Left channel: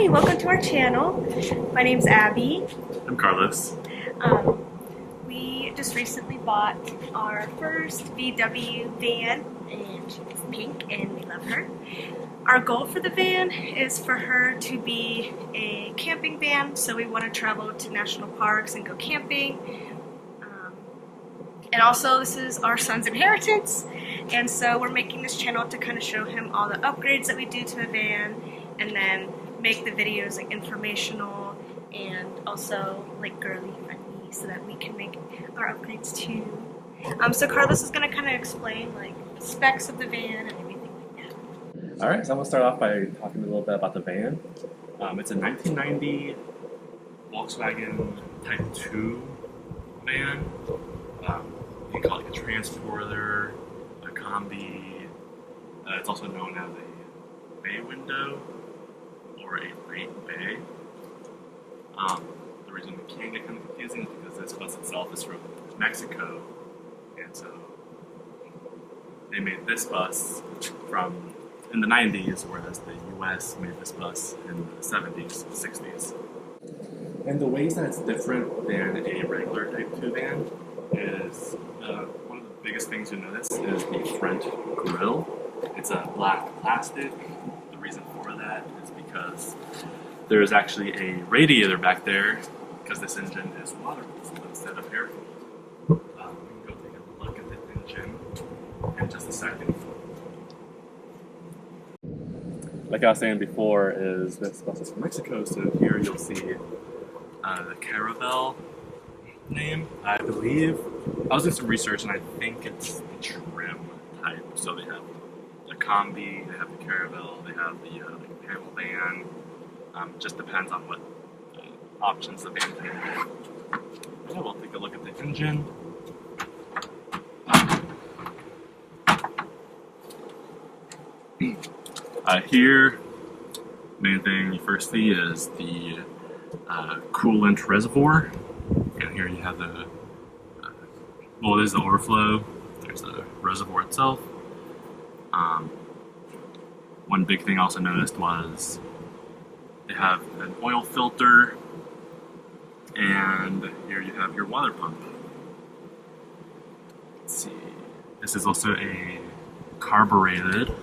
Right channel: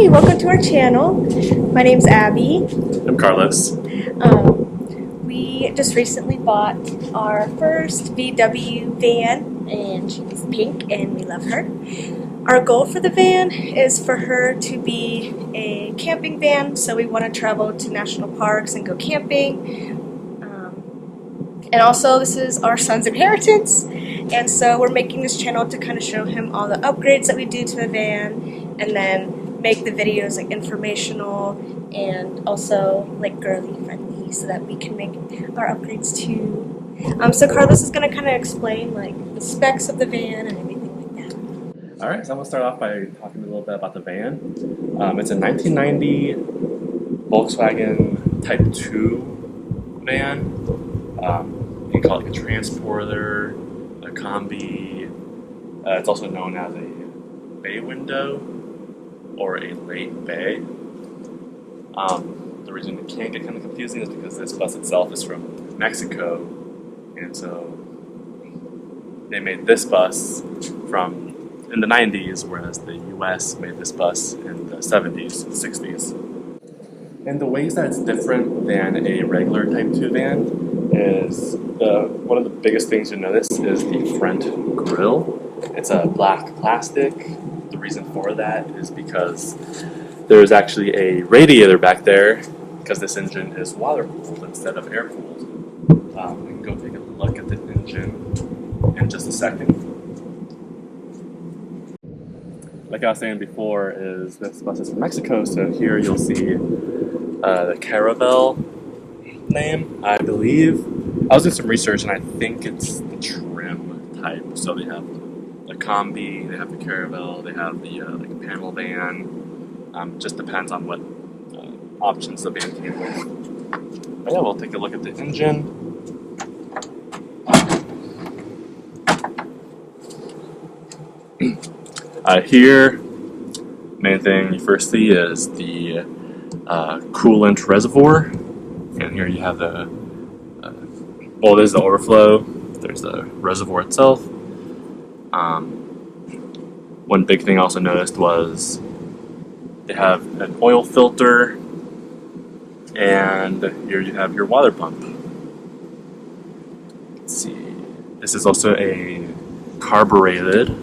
Hi, welcome to our channel. My name's Abby. I'm Carlos. We just recently bought our first VW van, and she's pink, and we love her. Our goal for the van is for her to be a camping van, so we want to travel to national parks and go camping. And also, this is our son's inheritance, and so we're making this channel to kind of show him all the upgrades that we do to the van, and then make the videos like informational and also like girly friendly, so that we can make our upgrades too. So Carlos is going to kind of explain like the specs of the van and everything like that. All right, so I'm gonna start off by talking a little bit about the van. It's a 1990 Volkswagen Type 2 van. You can call it a transporter, a combi. It's also known as a bay window or a late bay. The reason it can get kind of confusing is because this bus itself is from Mexico, and so they made this bus in the 90s, whereas the US made this bus in the 70s, 60s. And the ways that it's different than a regular Type 2 van is one of the biggest things you notice is the front grille. It's a black plastic. The reason for that is because there's actually a radiator back there, because this engine is water-cooled instead of air-cooled. We can go take a look at the engine in just a second. Like I was saying before, is this bus is from Mexico, so here you'll see the Caravelle name, I believe. I was doing some research, and I think it's the trim type. So they have the combi, they have the Caravelle, they have the like panel van. Just depends on what options the van came with. But yeah, we'll take a look at the engine. Here, main thing you first see is the coolant reservoir, and here you have the well, there's the overflow, there's the reservoir itself. One big thing I also noticed was they have an oil filter, and here you have your water pump. Let's see, this is also a carbureted.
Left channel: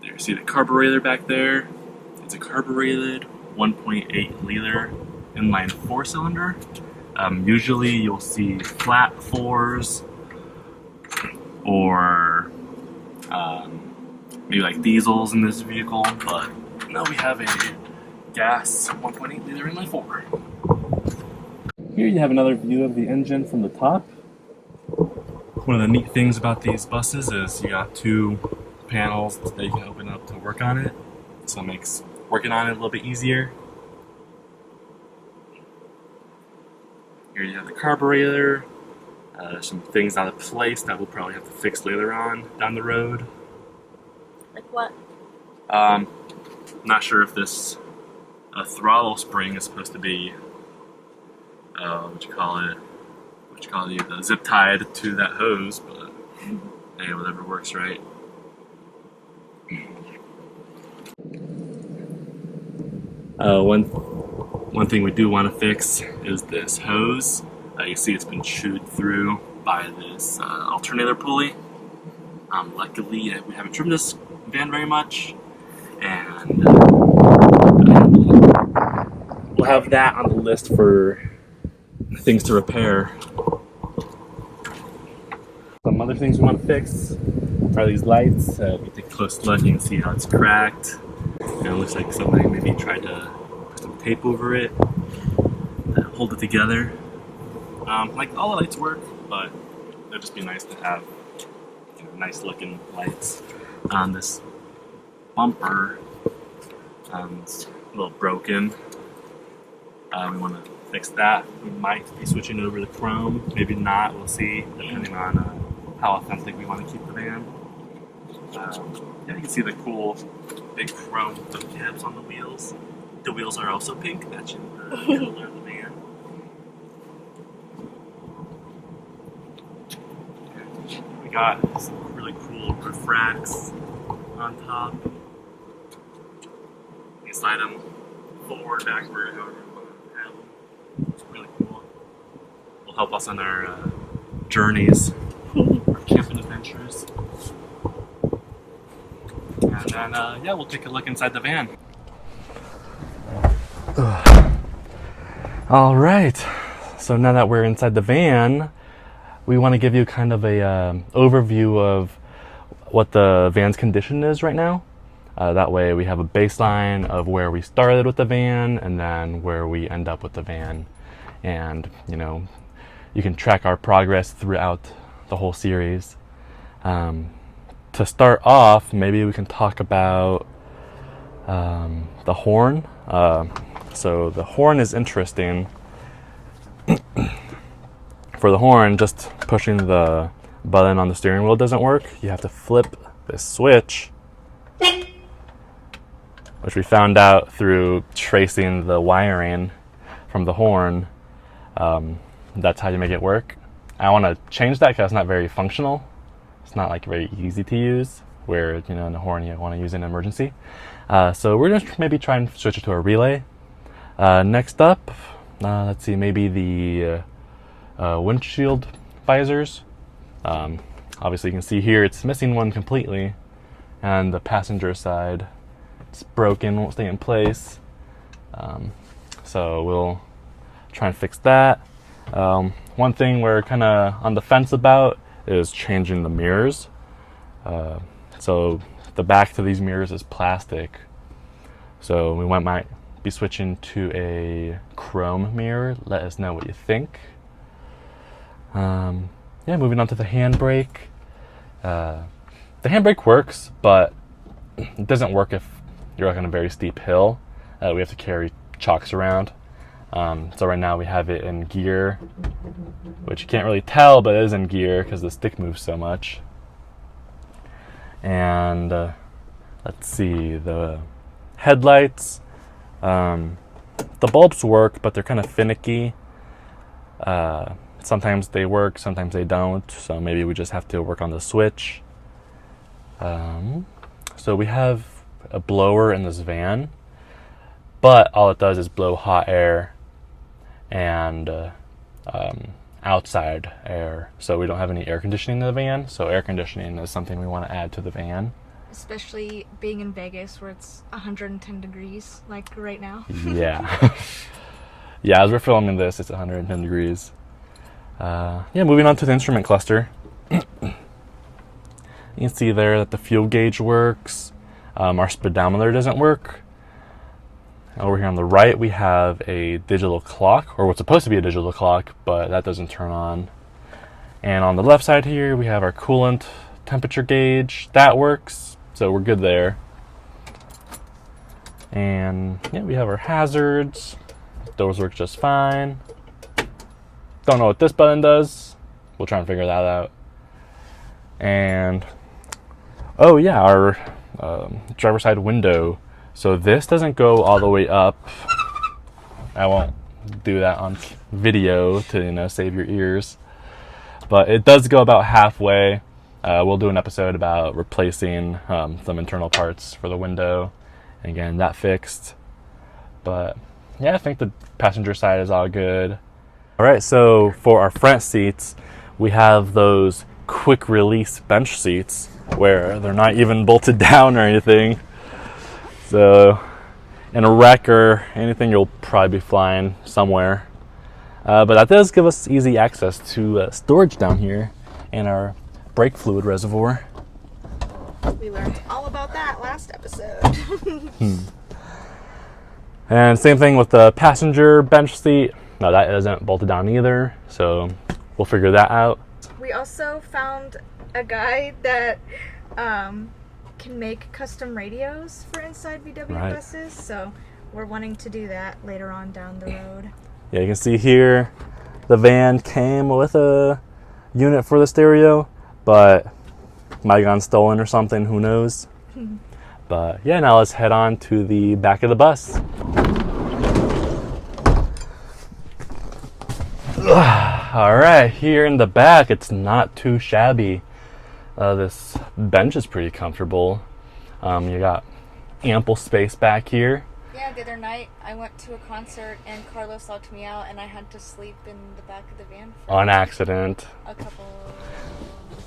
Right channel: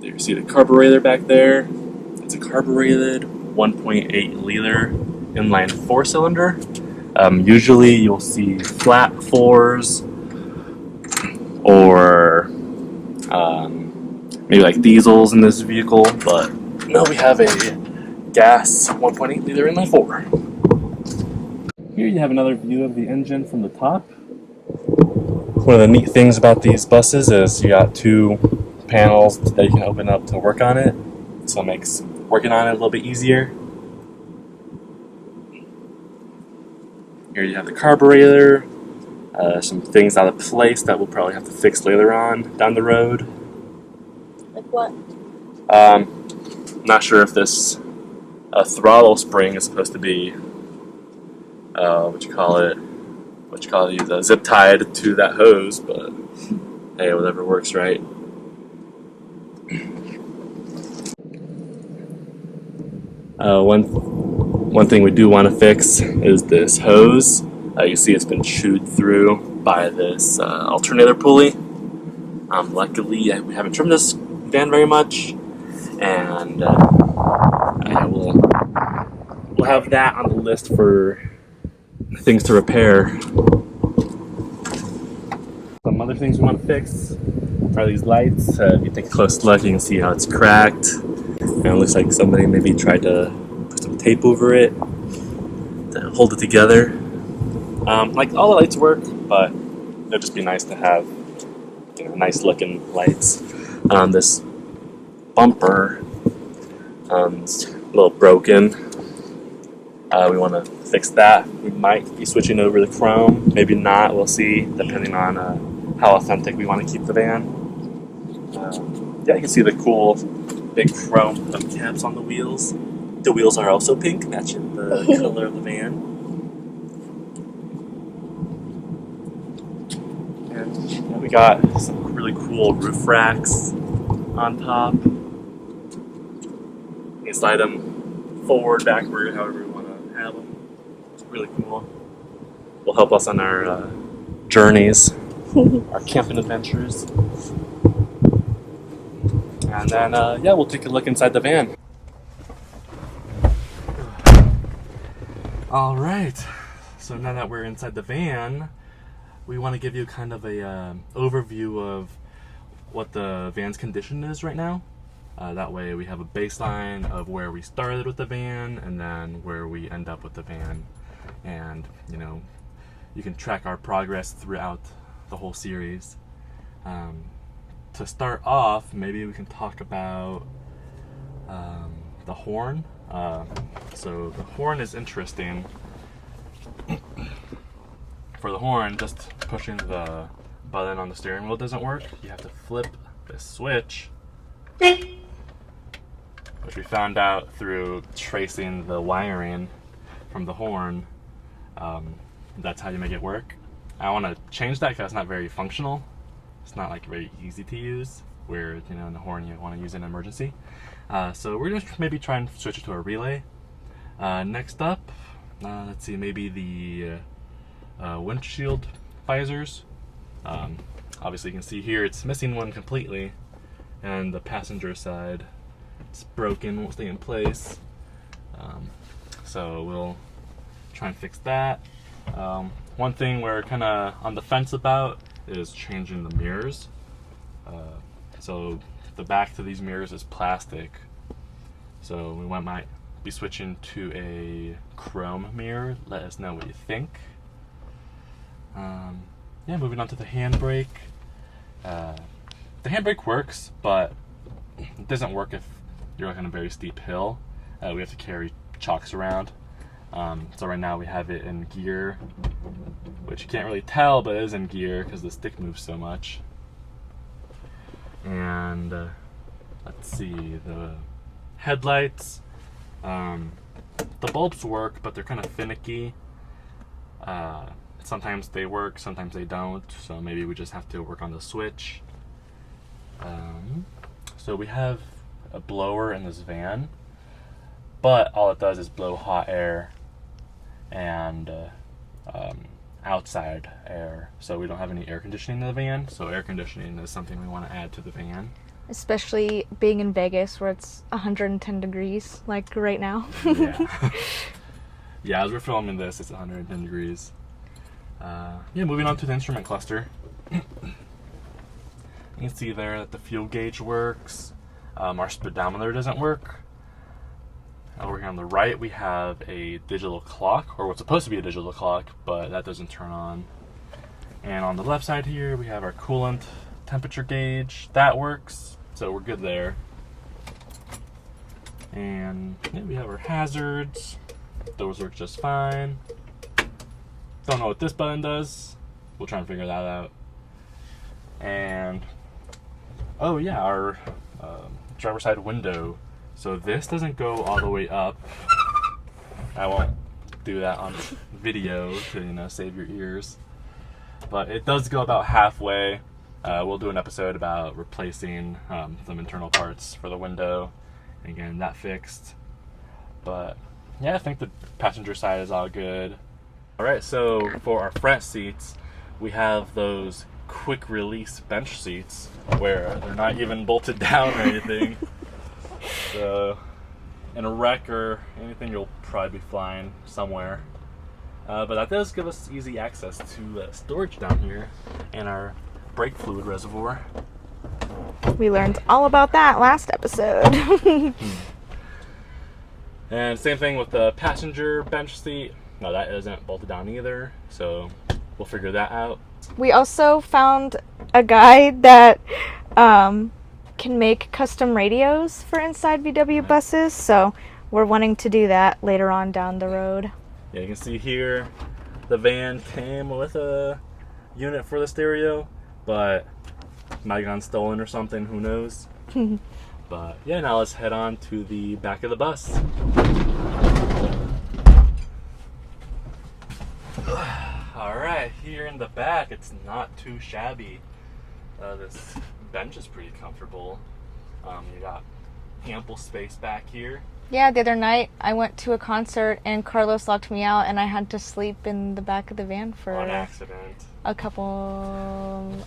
You see the carburetor back there. It's a carbureted 1.8 liter inline 4-cylinder. Usually you'll see flat fours or maybe like diesels in this vehicle, but no, we have a gas 1.8 liter inline 4. Here you have another view of the engine from the top. One of the neat things about these buses is you got two panels that you can open up to work on it, so it makes working on it a little bit easier. Here you have the carburetor, some things out of place that we'll probably have to fix later on down the road. Like what? Not sure if this throttle spring is supposed to be zip tied to that hose, but hey, whatever works, right? One thing we do want to fix is this hose. You see it's been chewed through by this alternator pulley. Luckily, we haven't trimmed this van very much, and we'll have that on the list for things to repair. Some other things we want to fix are these lights. If you take a close look, you can see how it's cracked. And it looks like somebody maybe tried to put some tape over it to hold it together. Like all the lights work, but it'd just be nice to have, nice looking lights. This bumper is a little broken. We want to fix that. We might be switching over to chrome, maybe not. We'll see, depending on how authentic we want to keep the van. Yeah, you can see the cool big chrome hubcaps on the wheels. The wheels are also pink, matching the color of the van. And we got some really cool roof racks. on top. You can slide them forward, backward, however you want to have them. It's really cool. Will help us on our journeys, our camping adventures. And then, yeah, we'll take a look inside the van. All right. So now that we're inside the van, we want to give you kind of a overview of what the van's condition is right now. That way we have a baseline of where we started with the van and then where we end up with the van. And, you know, you can track our progress throughout the whole series. To start off, maybe we can talk about the horn. So the horn is interesting. For the horn, just pushing the button on the steering wheel doesn't work. You have to flip this switch, which we found out through tracing the wiring from the horn. That's how you make it work. I want to change that because it's not very functional. It's not like very easy to use, where, you know, in the horn you want to use in an emergency. So we're just maybe try and switch it to a relay. Next up, let's see, maybe the windshield visors. Obviously you can see here it's missing one completely, and the passenger side, it's broken, won't stay in place. So we'll try and fix that. One thing we're kind of on the fence about is changing the mirrors. So the back to these mirrors is plastic, so we might be switching to a chrome mirror. Let us know what you think. Yeah, moving on to the handbrake. The handbrake works, but it doesn't work if you're like on a very steep hill. We have to carry chocks around. So right now we have it in gear, which you can't really tell, but it is in gear because the stick moves so much. And let's see, the headlights. The bulbs work, but they're kind of finicky. Sometimes they work, sometimes they don't, so maybe we just have to work on the switch. So we have a blower in this van, but all it does is blow hot air and outside air, so we don't have any air conditioning in the van. So air conditioning is something we want to add to the van. Especially being in Vegas where it's 110 degrees, like right now. Yeah. Yeah, as we're filming this, it's 110 degrees. Yeah, moving on to the instrument cluster. You can see there that the fuel gauge works. Our speedometer doesn't work. Over here on the right, we have a digital clock, or what's supposed to be a digital clock, but that doesn't turn on. And on the left side here, we have our coolant temperature gauge. That works, so we're good there. And yeah, we have our hazards. Those work just fine. Don't know what this button does. We'll try and figure that out. And oh yeah, our driver's side window. So this doesn't go all the way up. I won't do that on video to, you know, save your ears. But it does go about halfway. We'll do an episode about replacing some internal parts for the window. And again, that fixed. But yeah, I think the passenger side is all good. All right, so for our front seats, we have those quick release bench seats where they're not even bolted down or anything. So in a wreck or anything, you'll probably be flying somewhere. But that does give us easy access to storage down here in our brake fluid reservoir. We learned all about that last episode. And same thing with the passenger bench seat. No, that isn't bolted down either, so we'll figure that out. We also found a guy that can make custom radios for inside VW buses, so we're wanting to do that later on down the road. Yeah, you can see here the van came with a unit for the stereo, but might have gone stolen or something, who knows. But yeah, now let's head on to the back of the bus. All right, here in the back, it's not too shabby. This bench is pretty comfortable. You got ample space back here. Yeah, the other night I went to a concert and Carlos locked me out and I had to sleep in the back of the van for On accident. a couple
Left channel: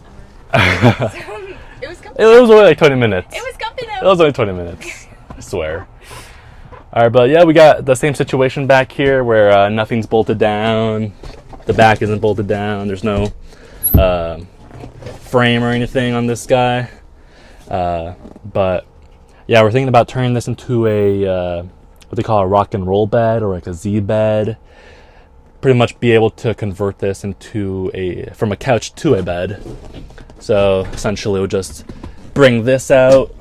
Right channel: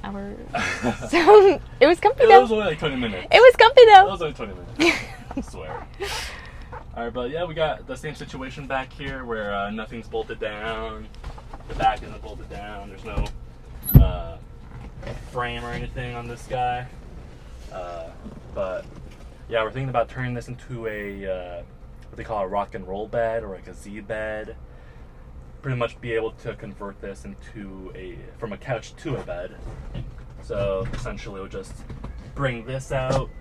hours. So it was comfy. It was only like 20 minutes. It was comfy It though. was only 20 minutes. I swear. All right, but yeah, we got the same situation back here where nothing's bolted down. The back isn't bolted down. There's no frame or anything on this guy. But yeah, we're thinking about turning this into a what they call a rock and roll bed or like a Z bed. Pretty much be able to convert this into from a couch to a bed. So essentially, we'll just bring this out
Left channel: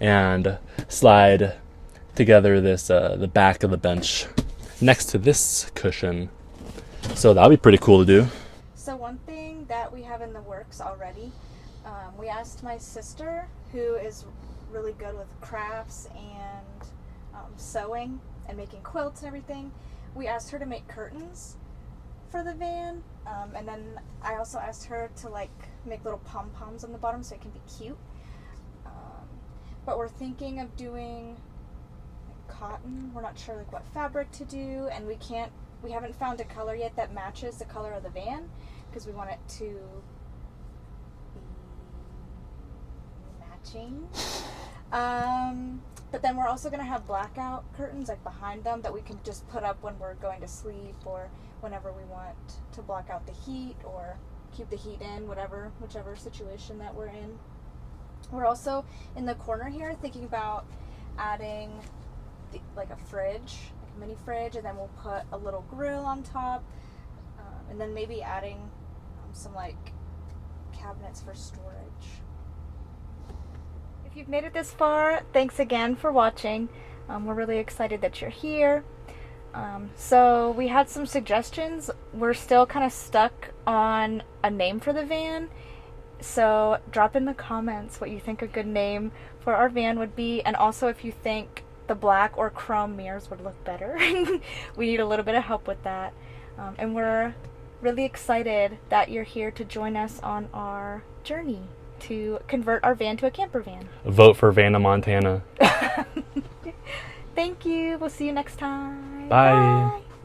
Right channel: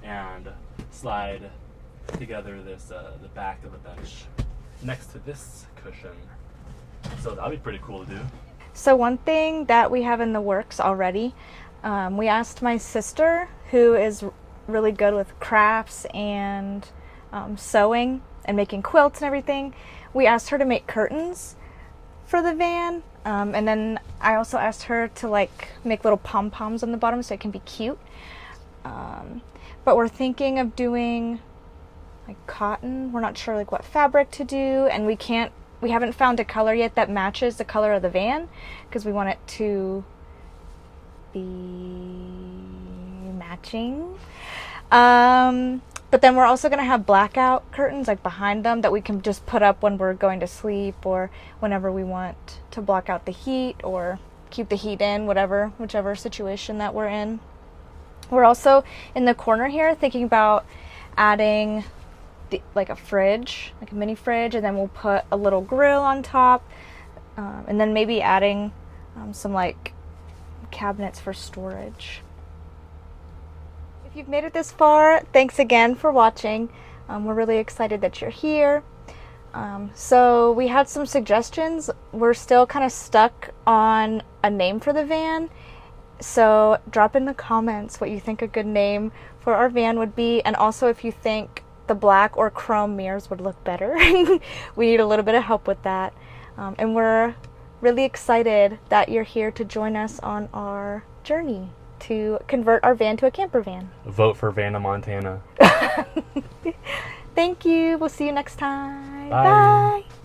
and slide together this the back of the bench next to this cushion. So that'll be pretty cool to do. So one thing that we have in the works already, we asked my sister, who is really good with crafts and sewing and making quilts and everything. We asked her to make curtains for the van, and then I also asked her to like make little pom-poms on the bottom so it can be cute. But we're thinking of doing like cotton. We're not sure like what fabric to do, and we haven't found a color yet that matches the color of the van because we want it to be matching. But then we're also going to have blackout curtains like behind them that we can just put up when we're going to sleep or whenever we want to block out the heat or keep the heat in, whichever situation that we're in. We're also in the corner here thinking about adding like a fridge, like a mini fridge, and then we'll put a little grill on top, and then maybe adding some like cabinets for storage. If you've made it this far, thanks again for watching. We're really excited that you're here. So we had some suggestions. We're still kind of stuck on a name for the van. So drop in the comments what you think a good name for our van would be, and also if you think the black or chrome mirrors would look better. We need a little bit of help with that. And we're really excited that you're here to join us on our journey to convert our van to a camper van. Vote for Vanna Montana. Thank you. We'll see you next time. Bye. Bye.